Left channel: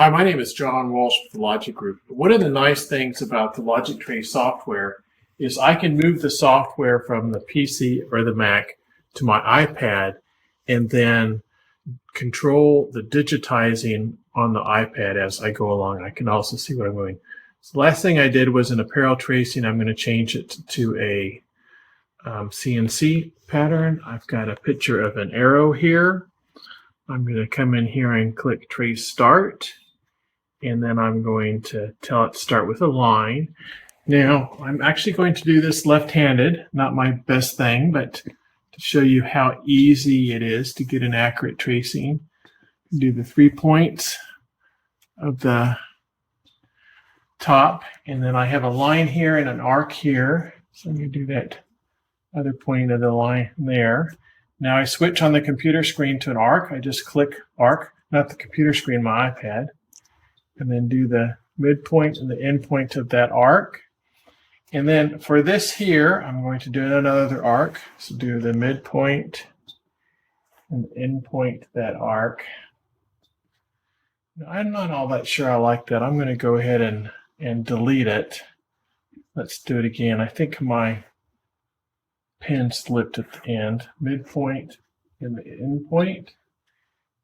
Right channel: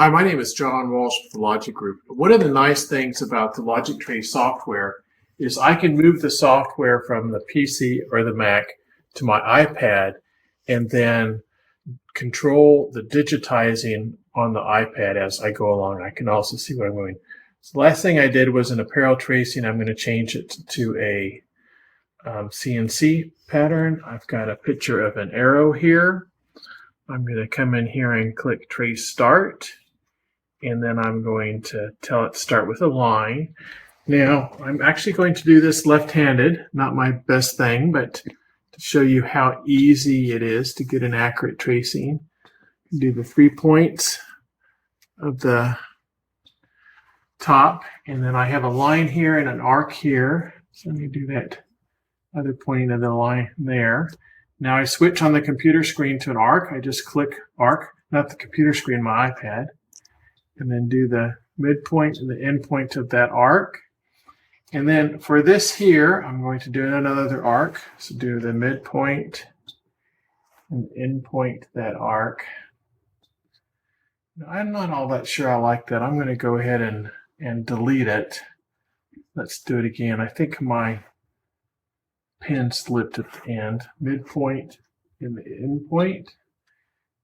Hi, my name is John Walsh with the Logic Group. One of the nice things about the Logic Trace software is I can move the software from the PC or the Mac to my iPad and then control the digitizing on the iPad as I go along. I can also see what I'm doing. So the last thing I did was an apparel tracing. I'm going to change it to a CNC pattern. I've got a picture of an arrow here. I'm going to come in here and click Trace Start, and then I'm going to tell it to start with a line. Now, I'm actually going to do this left-handed, not my best thing, but to show you how easy it is to get an accurate tracing. Do the 3 points of the top, and then I have a line here and an arc here. So I'm going to do that other point of the line there. Now I switch on the computer screen to an arc. I just click arc, not the computer screen, my iPad, and then do the midpoint and the end point of that arc. And then for this here, I'm going to do another arc. So do the midpoint and end point that arc. Now, I'm not all that sure I like that. I'm going to go ahead and delete it. Let's do it again. I think my pen slipped at the end. Midpoint and the end point.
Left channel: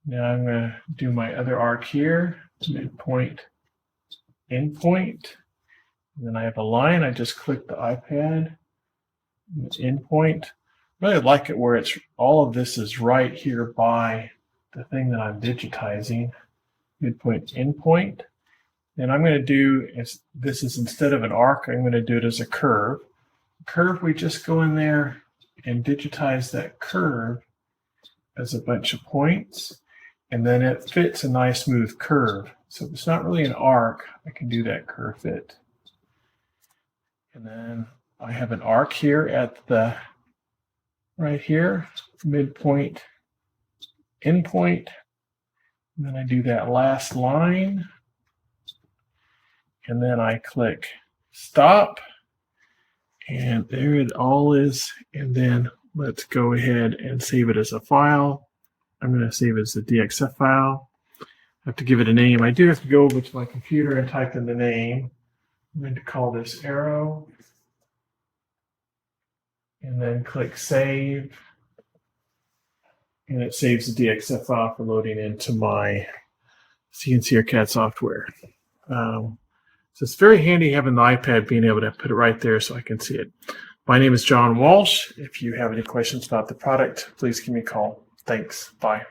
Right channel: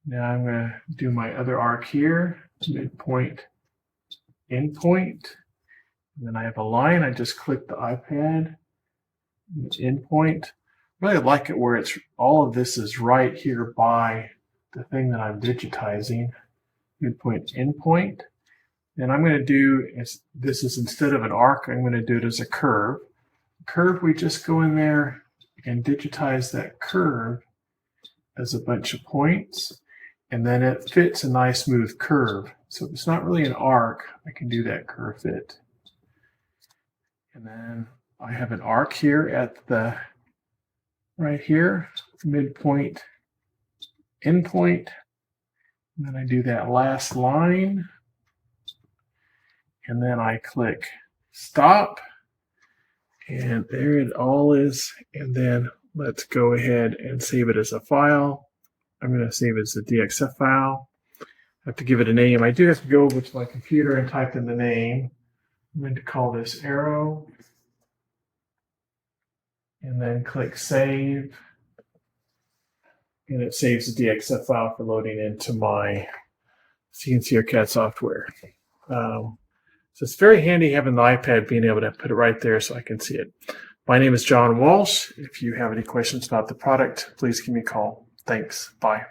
Now I'm going to do my other arc here. Midpoint, end point. And then I have a line. I just click the iPad. End point. Really like it where it's all of this is right here by the thing that I'm digitizing. Midpoint, end point. And I'm going to do, this is instead of an arc, I'm going to do it as a curve. Curve, we just go in there and digitize that curve as a bunch of points, and then it fits a nice smooth curve. So if it's not really an arc, I can do that curve fit. And then I have an arc here at the right here, midpoint, end point. And then I do that last line, and then I click stop. And there it all is. And then let's go ahead and save it as a file. I'm going to save it as a DXF file. I have to give it a name. I do have to go over to my computer and type in the name. I'm going to call this arrow. And then click save. And it saves the DXF file for loading into my CNC or CAD software. So it's very handy having the iPad being able to put it right there so I can see it. My name is John Walsh. If you have any questions about the product, please give me a call. Thanks. Bye.